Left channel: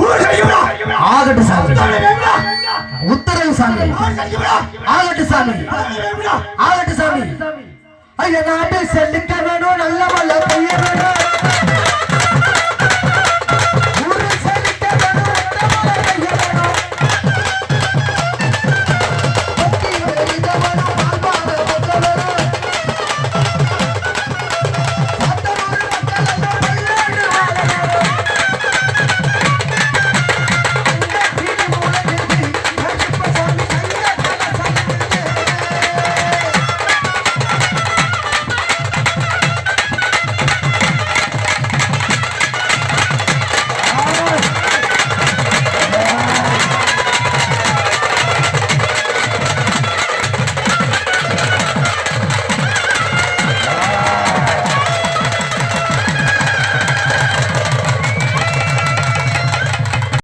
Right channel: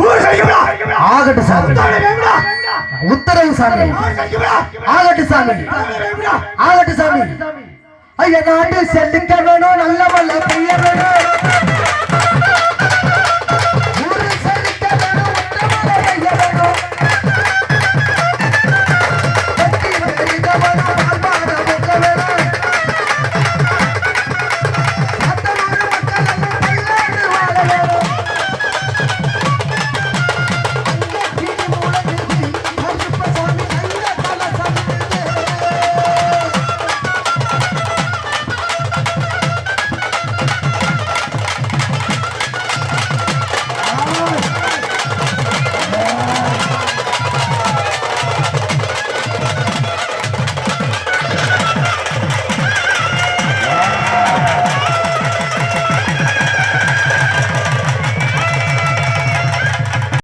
ஆகட்டு சாமி. உத்தரவு சாமி. ஆகட்டு சாமி. ஆகட்டு சாமி. ஐயா நாட்டு செல்லுக்க வேணும்